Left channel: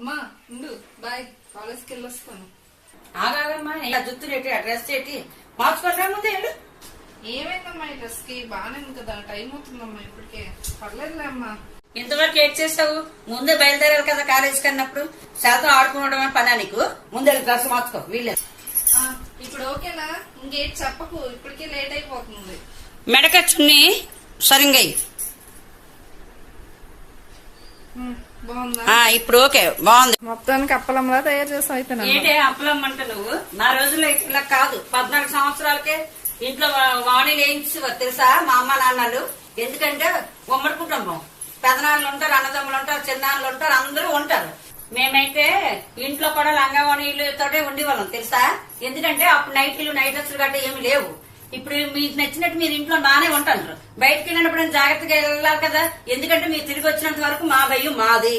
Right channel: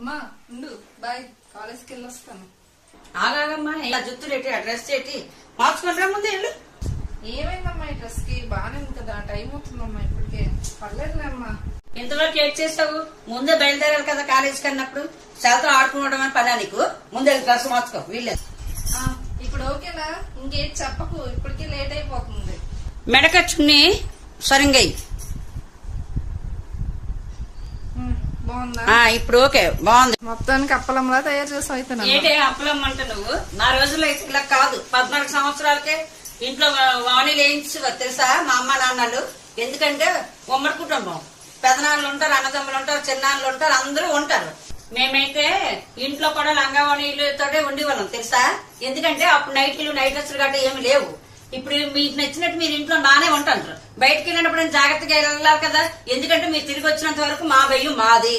అమ్మా ఉండు బాయ్ కాలేజ్కి వెళ్ళొస్తాను. ఆగాగమ్మా ఇలా జుత్తు ఏంటి ఆ డ్రెస్ ఏంటి మార్చుకుంటా ముందే వెళ్ళు. ఏమైందమ్మా ఈ డ్రెస్ కి బాగానే ఉంది కదా, టైం అవుతుందమ్మా ఇప్పటికే. పర్లేదులే అమ్మా. ఇంతవరకు ఏం చేసావు? ముందే బయలుదేరాలి కదా కాలేజీకి అన్నప్పుడు. శాతం ఆడుకోవడం అని పనా నీకు? ముందే డ్రెస్ మార్చుకో వీళ్ళేది. ఇప్పుడు ఓకేనా? ఇంకేం చెప్పకు, ఇప్పటికే లేట్ అయిపోతుంది. మెడకచ్చుని సరిగ్గా బాగుందా? ఇప్పుడు ఓకే బాగుంది. మొత్తానికి అప్పలంలా తయారు చేసావు అయితే నన్ను. ఏంటే అప్పలం అంట నువ్వు? నా రోజుల్లో ఇలా కాదు, 14 సంవత్సరాలకే ఇంట్లో వాణిలు వేయించు తెలుసా మా అమ్మ నాన్నలు. ఎందుకంటే ఉమ్మడి కుటుంబం, పెదనాన్నలు ఉంటారు, అన్నదమ్ములు ఉంటారు, చిన్నాన్నలు ఉంటారు, అందరూ ఉంటారు. మేమైతే ఇంట్లో కూడా లంగావాణిలతోటే ఉండేవాళ్ళం తెలుసా. ఎందుకంటే అప్పుడు నైట్లు నైట్ డ్రెస్సులు గట్రా ఏమి లేవు. ఇప్పుడు మీకు నచ్చినట్టు మీరు ఇంట్లో బానే ఉంటారు. బయటకు వెళ్ళినప్పుడు జాగ్రత్తగా వెళ్ళాలి కదా, ఎందుకంటే మీరు తిరిగి వచ్చినంత వరకు మా భయం మాది.